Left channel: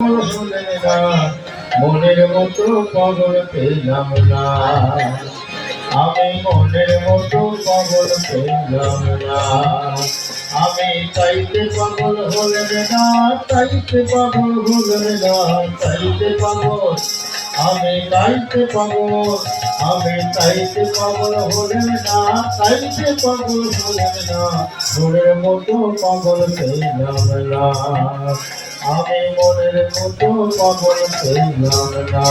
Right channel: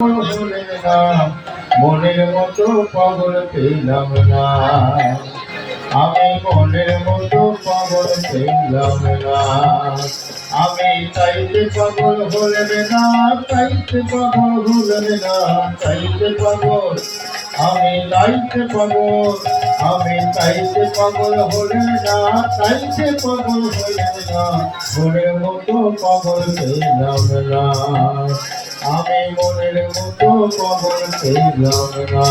হলে না মনের মতো পাগল পেলাম না, আমি মনের মতো পাগল পেলাম না। আমি চাইতে পাগল হলেন না, চাইতে পাগল হলেন না, চাইতে পাগল, আমি চাইতে পাগল, আমি চাইতে পাগল হলেন না, চাইতে পাগল হলেন না, মনের মতো পাগল পেলাম না, আমি মনের মতো পাগল পেলাম না।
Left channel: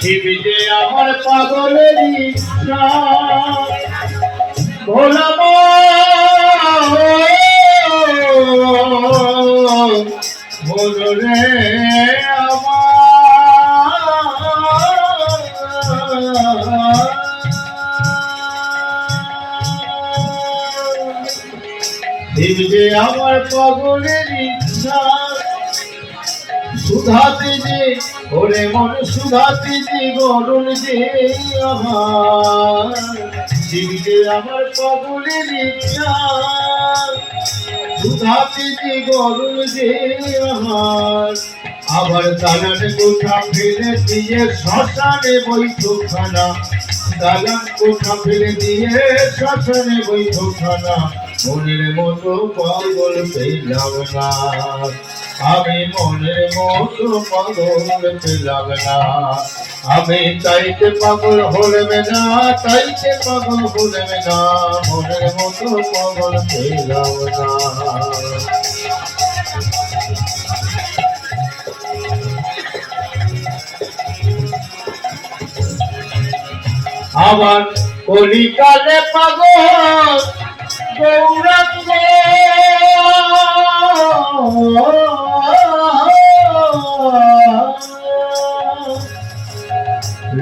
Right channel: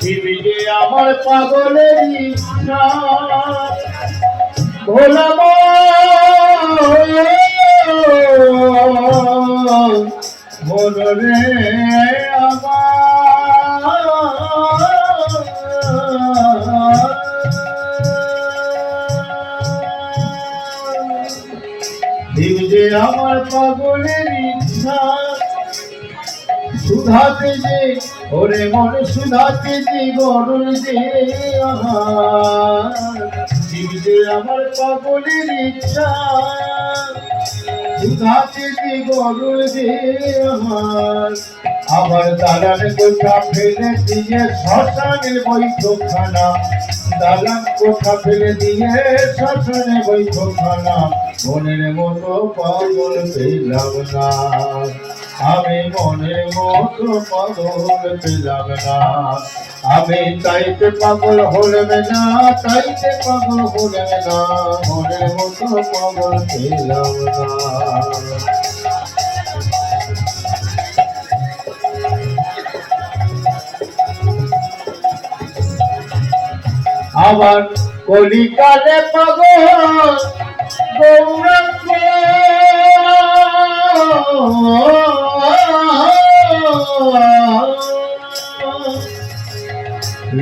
শিব যে আমার পাগলেরই ভোলাম বলরে শিব যে আমার পাগলের ইচ্ছা, সুধাতে যে ওরে মন সুধাতে যে গরুর যে আমার, শিব যে আমার পাগলের ইচ্ছা, সুধাতে যে গরুর যে আমার, আবার দালান কোঠা ফেলে দিয়ে শ্মশানে বৈঠকখানা, দালান কোঠা ফেলে দিয়ে শ্মশানে বৈঠকখানা, মনের মতো পাগল পেলাম না, আমি মনের মতো পাগল পেলাম না। আমি চাইতে পাগল হলেম না, চাইতে পাগল হলেম না, মনের মতো পাগল পেলাম না। আবার কলিকালে পাগল গৌরাঙ্গ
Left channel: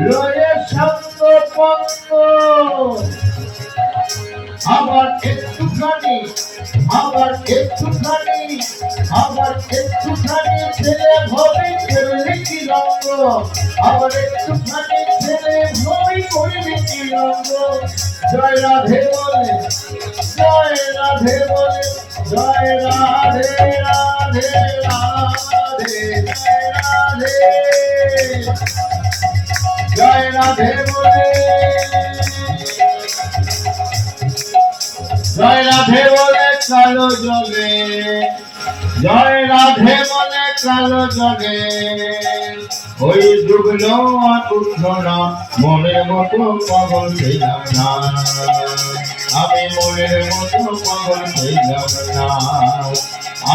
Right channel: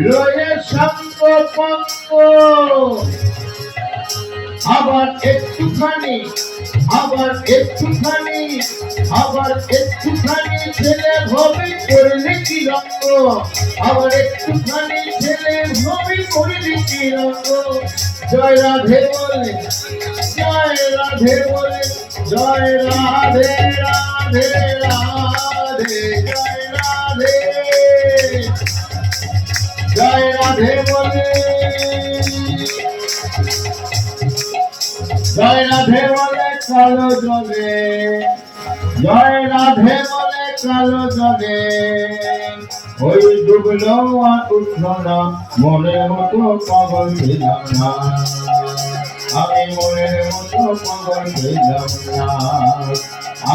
লয়ে সঙ্গ পঙ্গ, আবার একটুখানি, আবার একটুখানি, আবার একটুখানি ছেলে ভবি করলি কি রঙ্গ, আবার একটুখানি ছেলে ভবি করলি কি রঙ্গ। জয় রাধে বলে, জয় রাধে বলে, জয় রাধে রাধে রাধে, জয় রাধে, জয় রাধে বলে, জয় রাধে বলে কালো জগে, জয় রাধে বলে কালো জগে, ওই ডুবলো আর উঠলো না, মনের মতো পাগল পেলাম না, আমি মনের মতো পাগল পেলাম না।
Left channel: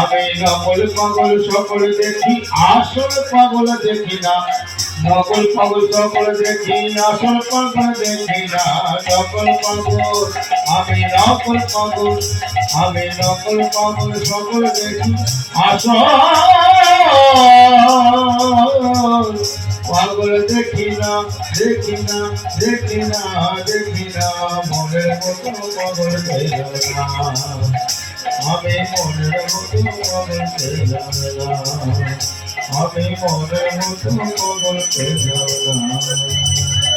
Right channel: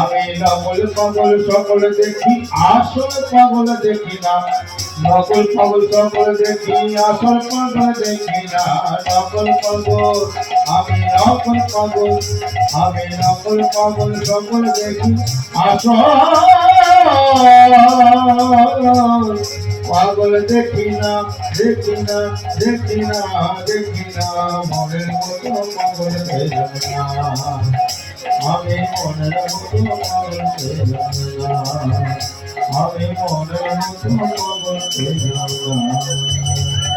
আমি নকল পাগল সকল দেখি, আসল পাগল দেখি না, নকল পাগল সকল দেখি, আসল পাগল দেখি না, নকল পাগল, আমি নকল পাগল, আমি নকল পাগল সকল দেখি, আসল পাগল দেখি না, দেখি না, দেখি না, দেখি না, মনের মতো পাগল পেলাম না, আমি মনের মতো পাগল পেলাম না, আমি মনের মতো পাগল পেলাম না।